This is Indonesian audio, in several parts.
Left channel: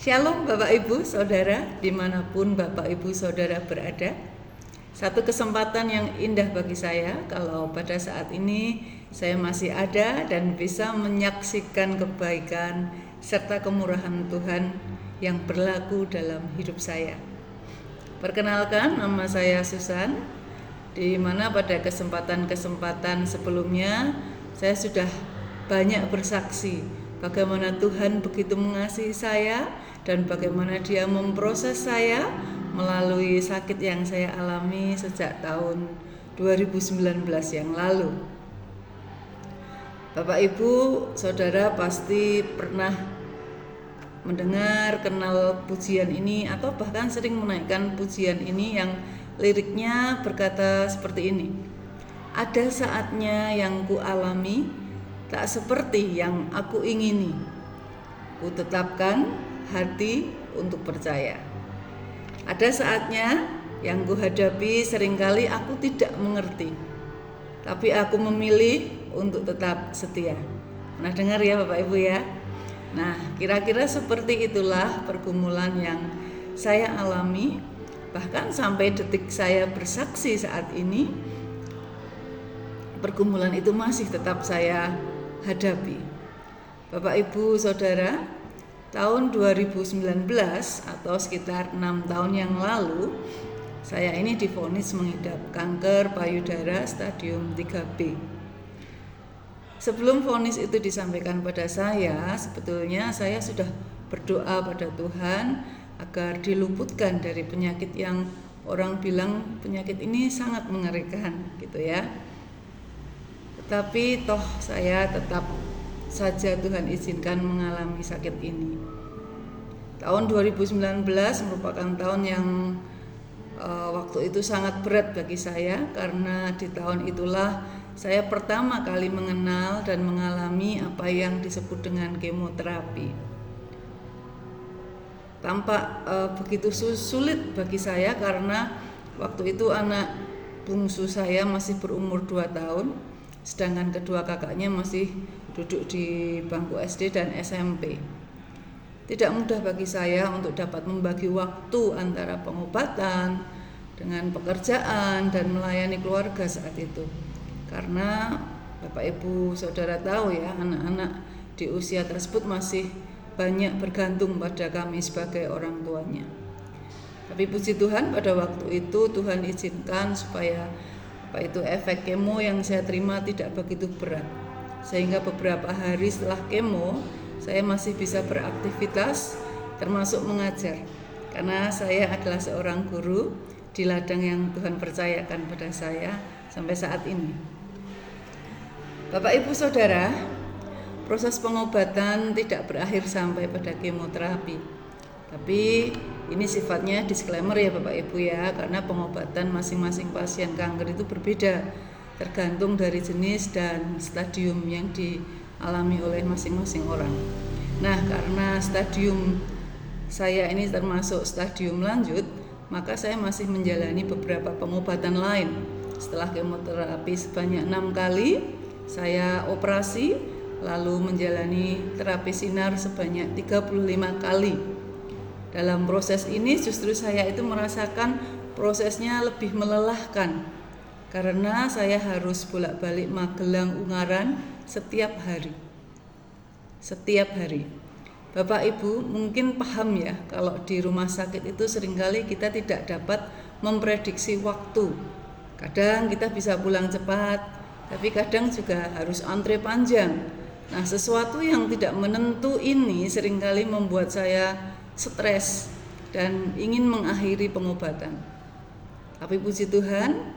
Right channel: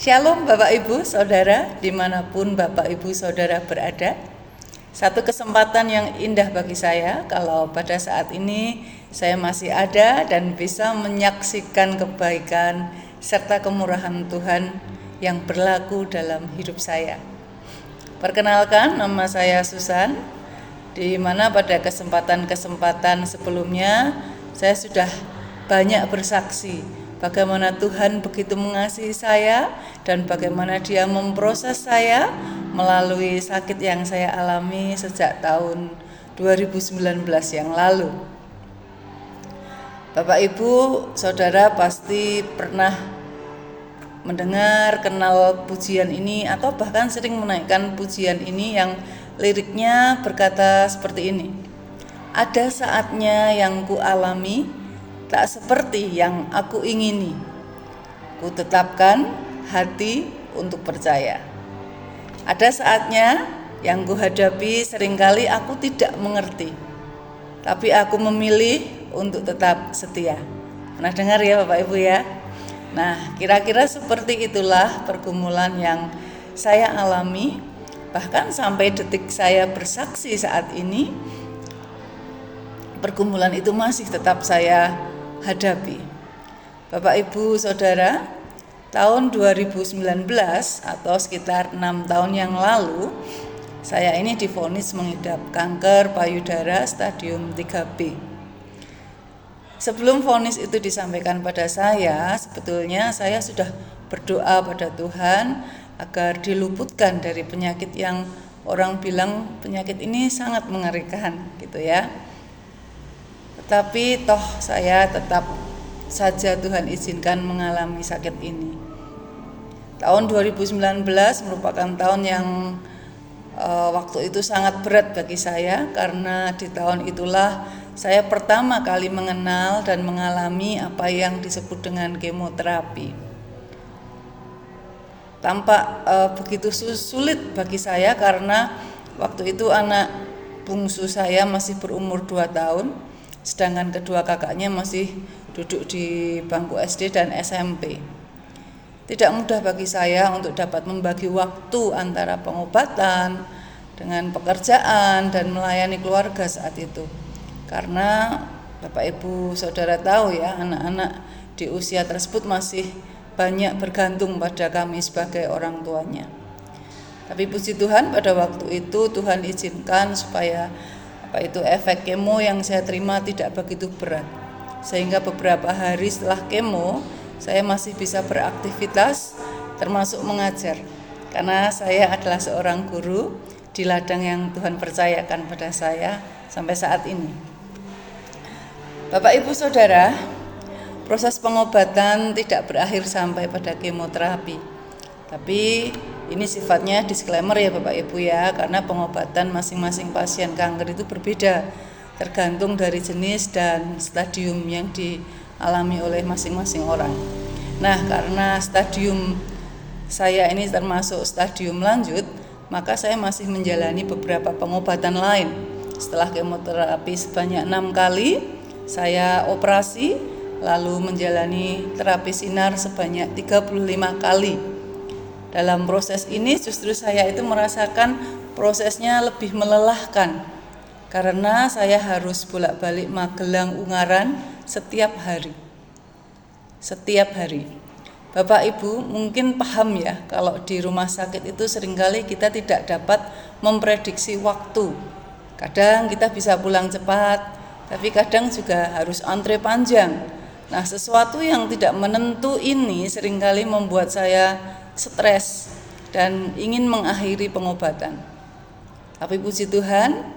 Shalom Bapak Ibu Saudara, dimanapun Bapak Ibu Saudara berada. Satu kesempatan yang indah bagi saya kalau pada saat ini saya masih ada dan bisa menyaksikan kebaikan serta kemurahan Tuhan yang berlaku dalam hidup saya. Perkenalkan, nama saya Susan, di mana pada kesempatan-kesempatan sebelumnya saya sudah banyak bersaksi bagaimana Tuhan begitu mengasihi saya dan bagaimana Dia memproses saya melalui sakit yang saya alami sejak tahun 2019 yang lalu. Bapak Ibu, Saudara pasti pernah mendengar, kenal pujian ini atau bahkan sering menaikkan pujian ini yang liriknya berkata seperti ini. Ada saatnya yang ku alami tak seperti yang aku ingini. Ku tetapkan hati untuk percaya. Ada saatnya yang ku hadapi seringkali aku tidak mengerti. Tapi aku memilih untuk tetap setia. Pernah dengar ya Bapak Ibu ya? Nah, kira-kira seperti itulah pergumulan yang saya alami. Bahkan sampai detik saya bersaksi saat ini, pergumulan itu masih tetap saya hadapi. Bapak Ibu Saudara, tahun 2019 atau sekitar 6 tahun yang lalu, saya ini divonis mengidap kanker payudara stadium 3B. Sebelum vonis itu disampaikan pada saya, sebetulnya saya sudah berdoa pada Tuhan agar diluputkan dari penyakit yang orang bilang penyakit ini sangat mengerikan gitu ya. Tetapi toh saya tetap saja Tuhan izinkan mengalami sakit ini. Tahun 2019 merupakan tahun yang waktu itu sangat berat bagi saya, karena di tahun itulah saya pertama kali mengenal dan mengalami apa yang disebut dengan kemoterapi. Tampak begitu sulit bagi saya karena waktu itu anak bungsu saya masih berumur 2 tahun. Sedangkan kedua kakaknya masih duduk di bangku SD dan SMP. Tidak mudah bagi saya untuk dapat membagi waktu antara pengobatan dengan pekerjaan dan melayani keluarga saat itu. Karena Bapak Ibu Saudara tahu ya, anak-anak di usia tersebut masih banyak bergantung pada kami sebagai orang tuanya. Tapi puji Tuhan pada waktu itu Tuhan izinkan supaya efek kemo yang saya terima tidak begitu berat, sehingga beberapa hari setelah kemo saya masih bisa beraktivitas termasuk mengajar, karena saya adalah seorang guru di ladang yang Tuhan percayakan pada saya sampai saat ini. Bapak Ibu Saudara, proses pengobatan tidak berakhir sampai pada kemoterapi, tapi ini sifatnya disclaimer ya Bapak Ibu ya, karena pengobatan masing-masing pasien kanker itu berbeda tergantung dari jenis dan stadium yang dialami oleh masing-masing orang. Nah, karena stadium saya ini termasuk stadium lanjut, maka saya masih menjalani beberapa pengobatan lain. Setelah kemoterapi sebanyak 6 kali, saya operasi lalu menjalani terapi sinar sebanyak 35 kali. Dalam proses ini justru saya itu merasakan prosesnya lebih melelahkan, karena saya harus bolak-balik Magelang Ungaran setiap hari. Bapak Ibu mungkin paham ya, kalau di rumah sakit itu seringkali kita tidak dapat memprediksi waktu. Kadang kita bisa pulang cepat, tapi kadang juga harus antre panjang. Nah, sesuatu yang tidak menentu ini seringkali membuat saya stres dan ingin mengakhiri pengobatan. Tapi puji Tuhan,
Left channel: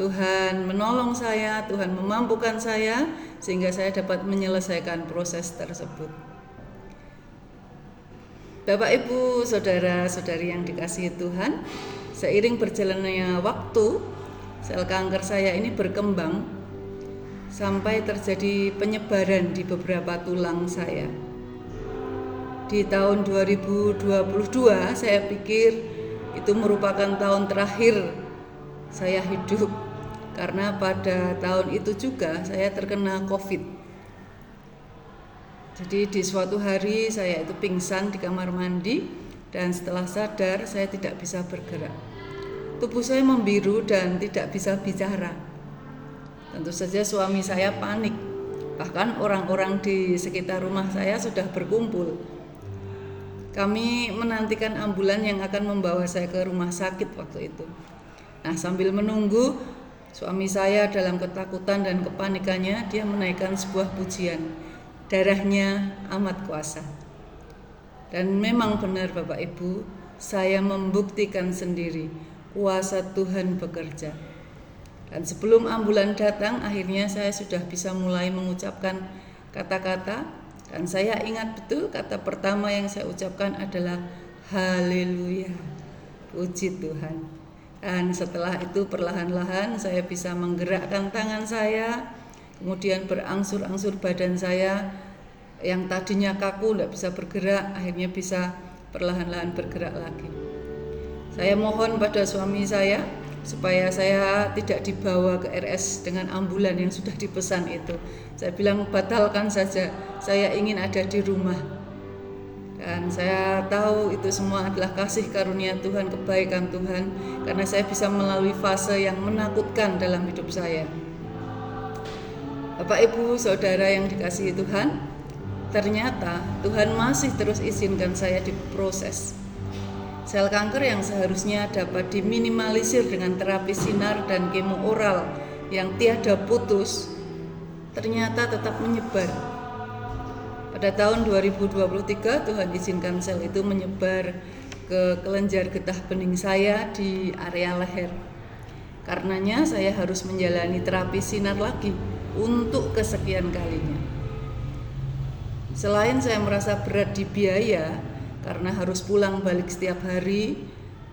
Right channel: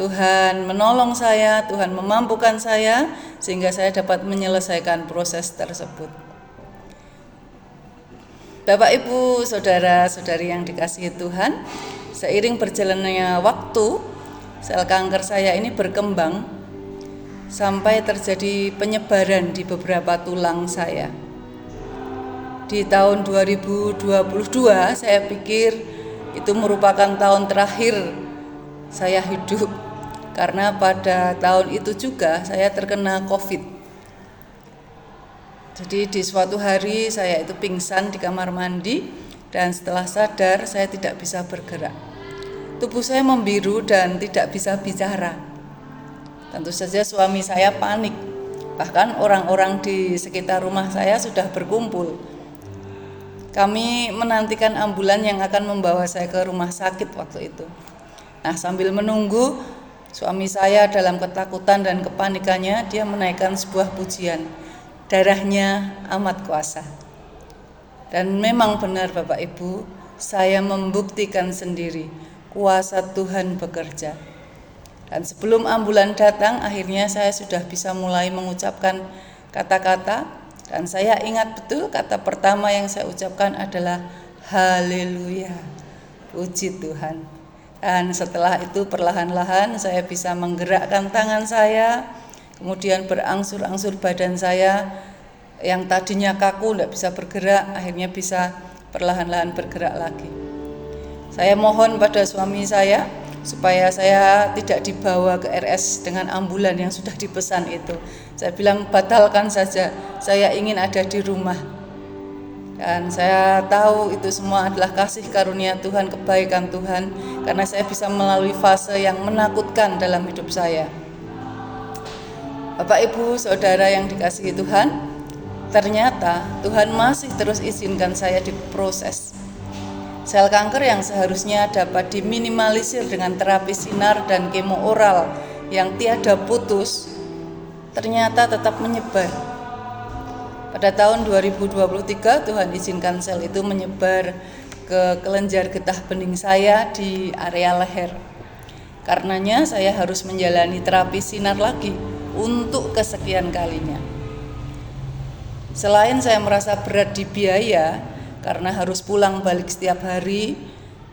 Tuhan menolong saya, Tuhan memampukan saya sehingga saya dapat menyelesaikan proses tersebut. Bapak Ibu, saudara-saudari yang dikasihi Tuhan, seiring berjalannya waktu, sel kanker saya ini berkembang sampai terjadi penyebaran di beberapa tulang saya. Di tahun 2022 saya pikir itu merupakan tahun terakhir saya hidup, karena pada tahun itu juga saya terkena COVID. Jadi di suatu hari saya itu pingsan di kamar mandi dan setelah sadar saya tidak bisa bergerak. Tubuh saya membiru dan tidak bisa bicara. Tentu saja suami saya panik. Bahkan orang-orang di sekitar rumah saya sudah berkumpul. Kami menantikan ambulan yang akan membawa saya ke rumah sakit waktu itu. Nah, sambil menunggu, suami saya dalam ketakutan dan kepanikannya, dia menaikkan sebuah pujian. Darahnya amat kuasa. Dan memang benar Bapak Ibu, saya membuktikan sendiri kuasa Tuhan bekerja. Dan sebelum ambulan datang, akhirnya saya sudah bisa mulai mengucapkan kata-kata. Dan saya ingat betul kata pertama yang saya ucapkan adalah haleluya, puji Tuhan. Dan setelah itu perlahan-lahan saya bisa menggerakkan tangan saya, kemudian berangsur-angsur badan saya yang tadinya kaku tidak bisa bergerak, akhirnya bisa perlahan-lahan bergerak lagi. Saya mohon pada suami saya supaya saya tidak dibawa ke RS dengan ambulan yang sudah dipesan itu. Saya bilang batalkan saja, saya ingin ada di rumah. Dan saya tahu itu semua adalah kasih karunia Tuhan, kebaikan Tuhan, karena saya bisa melalui fase yang menakutkan dalam hidup saya. Bapak Ibu Saudara yang dikasihi Tuhan, ternyata Tuhan masih terus izinkan saya diproses. Sel kanker yang seharusnya dapat diminimalisir dengan terapi sinar dan kemo oral yang tiada putus, ternyata tetap menyebar. Pada tahun 2023 Tuhan izinkan sel itu menyebar ke kelenjar getah bening saya di area leher. Karenanya saya harus menjalani terapi sinar lagi untuk kesekian kalinya. Selain saya merasa berat di biaya karena harus pulang balik setiap hari,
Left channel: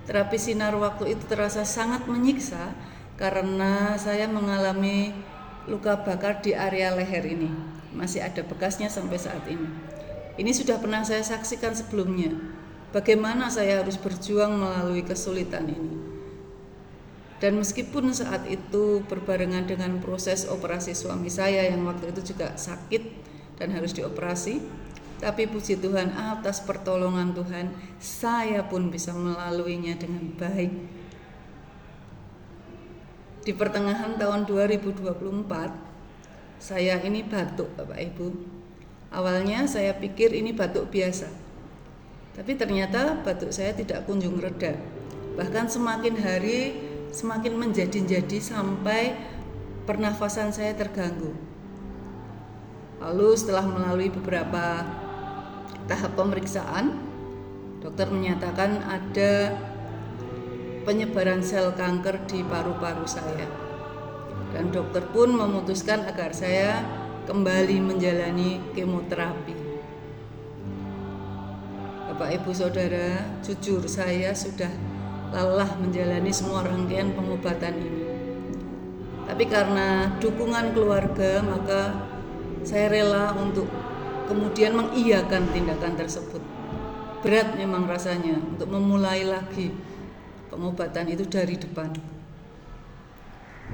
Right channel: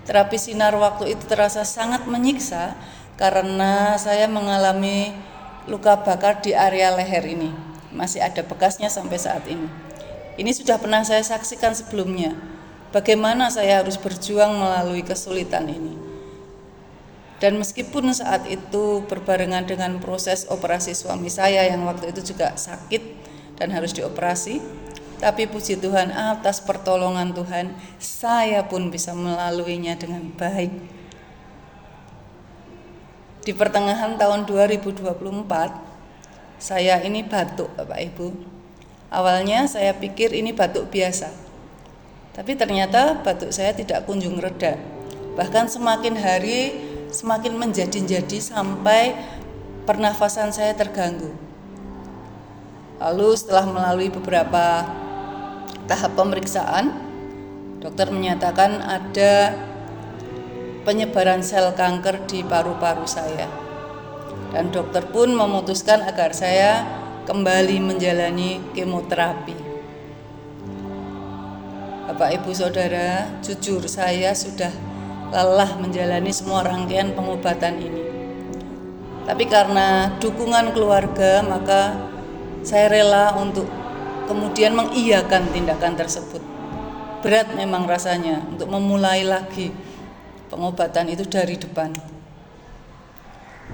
terapi sinar waktu itu terasa sangat menyiksa karena saya mengalami luka bakar di area leher ini. Masih ada bekasnya sampai saat ini. Ini sudah pernah saya saksikan sebelumnya. Bagaimana saya harus berjuang melalui kesulitan ini. Dan meskipun saat itu berbarengan dengan proses operasi suami saya yang waktu itu juga sakit dan harus dioperasi, tapi puji Tuhan, atas pertolongan Tuhan, saya pun bisa melaluinya dengan baik. Di pertengahan tahun 2024, saya ini batuk, Bapak Ibu. Awalnya saya pikir ini batuk biasa, tapi ternyata batuk saya tidak kunjung reda. Bahkan semakin hari semakin menjadi-jadi sampai pernafasan saya terganggu. Lalu setelah melalui beberapa tahap pemeriksaan, dokter menyatakan ada penyebaran sel kanker di paru-paru saya. Dan dokter pun memutuskan agar saya kembali menjalani kemoterapi. Bapak Ibu Saudara, jujur saya sudah lelah menjalani semua rangkaian pengobatan ini. Tapi karena dukungan keluarga, maka saya rela untuk kemudian mengiyakan tindakan tersebut. Berat memang rasanya untuk memulai lagi pengobatan itu dari depan.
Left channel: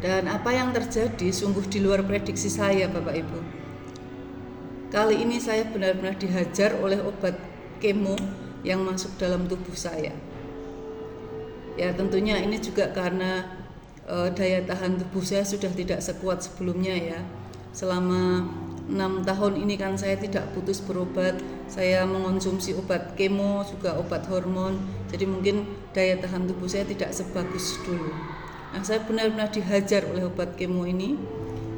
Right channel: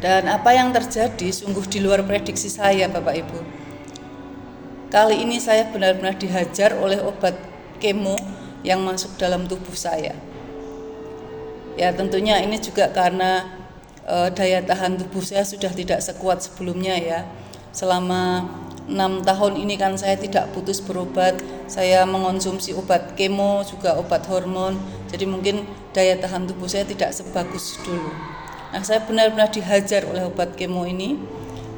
Dan apa yang terjadi sungguh di luar prediksi saya, Bapak Ibu. Kali ini saya benar-benar dihajar oleh obat kemo yang masuk dalam tubuh saya. Ya tentunya ini juga karena daya tahan tubuh saya sudah tidak sekuat sebelumnya ya. Selama 6 tahun ini kan saya tidak putus berobat, saya mengonsumsi obat kemo juga obat hormon, jadi mungkin daya tahan tubuh saya tidak sebagus dulu. Nah, saya benar-benar dihajar oleh obat kemo ini,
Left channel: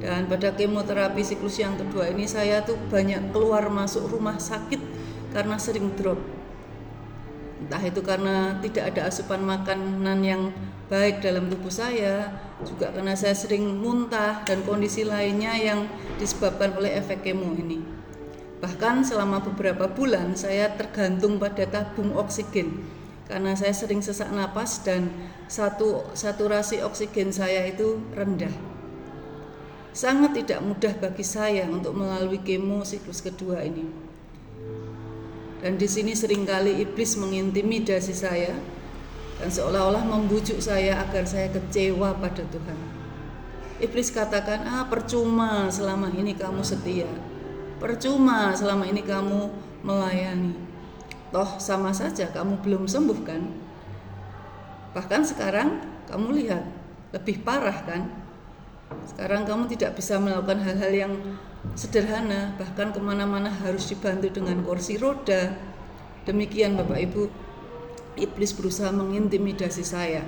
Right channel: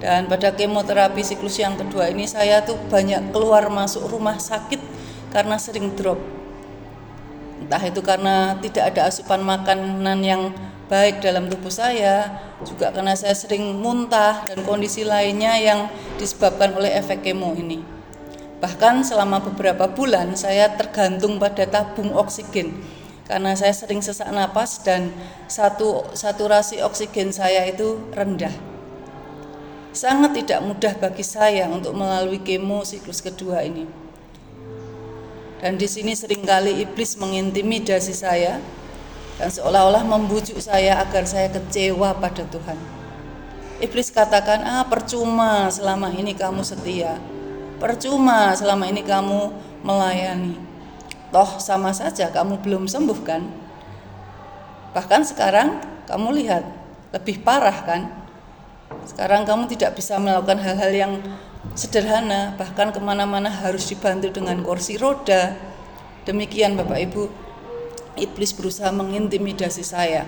dan pada kemoterapi siklus yang kedua ini saya tuh banyak keluar masuk rumah sakit karena sering drop. Entah itu karena tidak ada asupan makanan yang baik dalam tubuh saya, juga karena saya sering muntah dan kondisi lainnya yang disebabkan oleh efek kemo ini. Bahkan selama beberapa bulan saya tergantung pada tabung oksigen karena saya sering sesak napas dan saturasi oksigen saya itu rendah. Sangat tidak mudah bagi saya untuk melalui kemo siklus kedua ini. Dan di sini seringkali iblis mengintimidasi saya dan seolah-olah membujuk saya agar saya kecewa pada Tuhan. Iblis katakan, percuma selama ini kamu setia. percuma selama ini kamu melayani. Toh sama saja kamu belum sembuh kan? Bahkan sekarang kamu lihat, lebih parah kan? Sekarang kamu tidak bisa melakukan hal-hal yang sederhana, bahkan kemana-mana harus dibantu dengan kursi roda. Demikian Bapak Ibu, iblis berusaha mengintimidasi saya.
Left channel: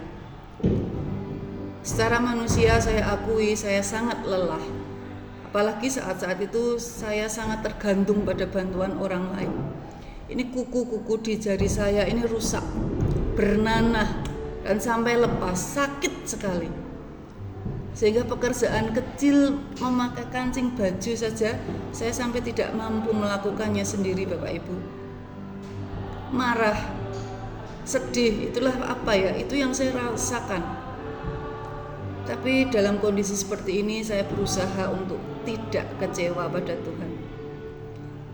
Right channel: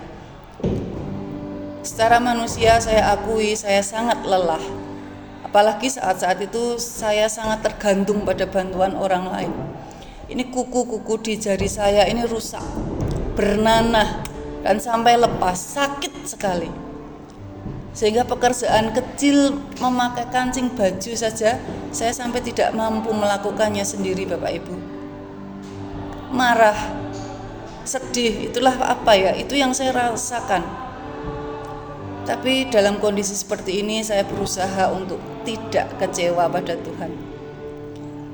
Secara manusia saya akui saya sangat lelah. Apalagi saat-saat itu saya sangat tergantung pada bantuan orang lain. Ini kuku-kuku di jari saya ini rusak, bernanah, dan sampai lepas, sakit sekali. Sehingga pekerjaan kecil memakai kancing baju saja saya sampai tidak mampu melakukannya sendiri Bapak Ibu. Marah, sedih, itulah apa ya, itu yang saya rasakan. Tapi dalam kondisi seperti ini saya berusaha untuk tidak kecewa pada Tuhan.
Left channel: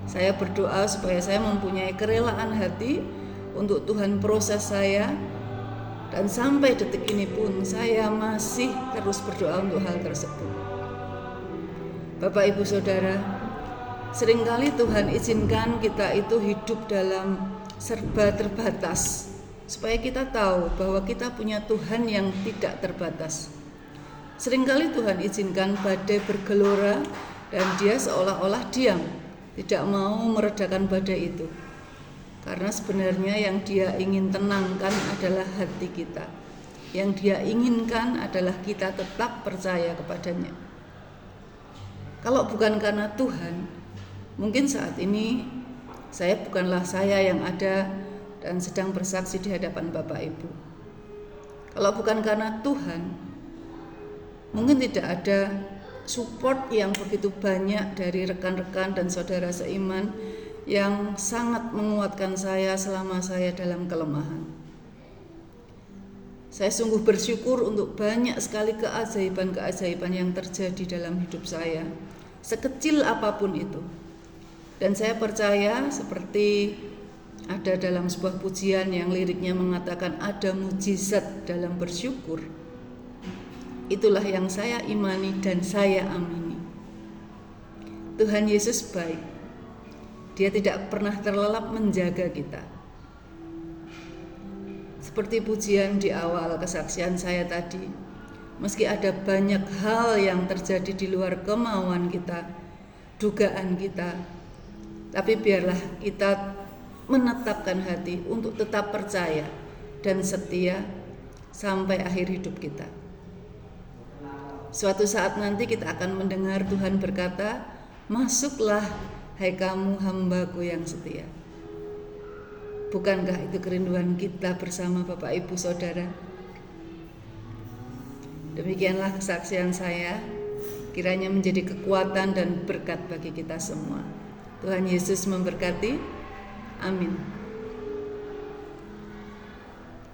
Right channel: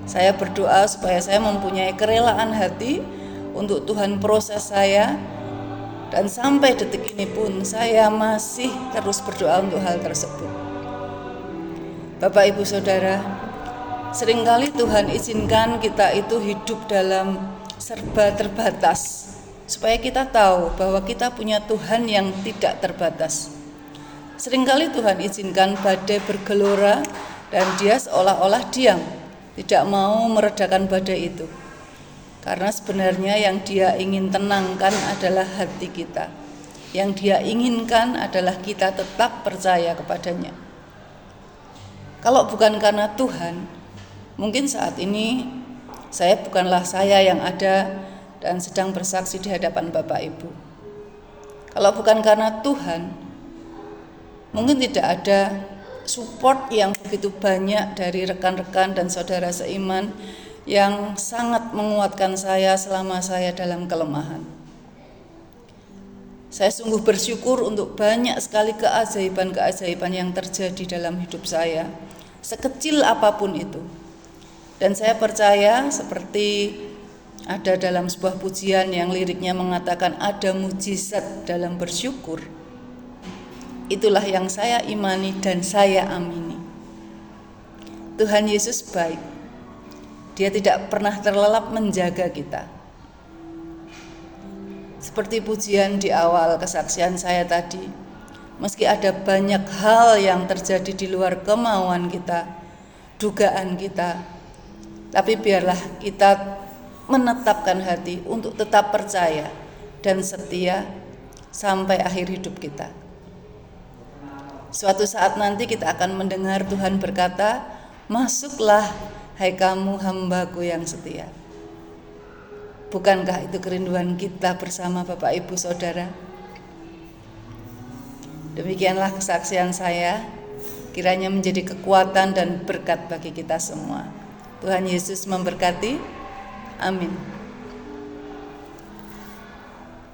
Saya berdoa supaya saya mempunyai kerelaan hati untuk Tuhan proses saya. Dan sampai detik ini pun saya masih terus berdoa untuk hal tersebut. Bapak Ibu Saudara, seringkali Tuhan izinkan kita itu hidup dalam serba terbatas, supaya kita tahu bahwa kita punya Tuhan yang tidak terbatas. Seringkali Tuhan izinkan badai bergelora dan dia seolah-olah diam, tidak mau meredakan badai itu. Karena sebenarnya yang dia ingin tenangkan adalah hati kita. Yang dia inginkan adalah kita tetap percaya kepadanya. Kalau bukan karena Tuhan, mungkin saat ini saya bukanlah saya yang ada dan sedang bersaksi di hadapan Bapak Ibu. Kalau bukan karena Tuhan, mungkin tidak ada support yang begitu banyak dari rekan-rekan dan saudara seiman yang sangat menguatkan saya selama saya dalam kelemahan. Saya sungguh bersyukur untuk banyak sekali keajaiban-keajaiban yang terjadi dalam hidup saya, sekecil apapun itu. Dan saya percaya seperti ada dalam sebuah pujian yang liriknya mengatakan ada mujizat dalam bersyukur. Itulah yang saya imani dan saya amini. Tuhan Yesus baik. Dia tidak pernah terlelap menjaga kita. Seperti pujian di awal kesaksian saya tadi, meski ada banyak hal yang terjadi di luar kemauan kita, dugaan kita, tapi biarlah kita menetapkan hati untuk tetap percaya dan setia sampai akhir hidup kita. Suatu saat nanti kita akan mendengar Tuhan berkata, "Masuklah, hai kamu hambaku yang setia." Bukankah itu kerinduan kita bersama Bapak Ibu Saudara? Demikianlah kesaksian saya, kiranya menjadi kekuatan dan berkat bagi kita semua. Tuhan Yesus memberkati. Amin.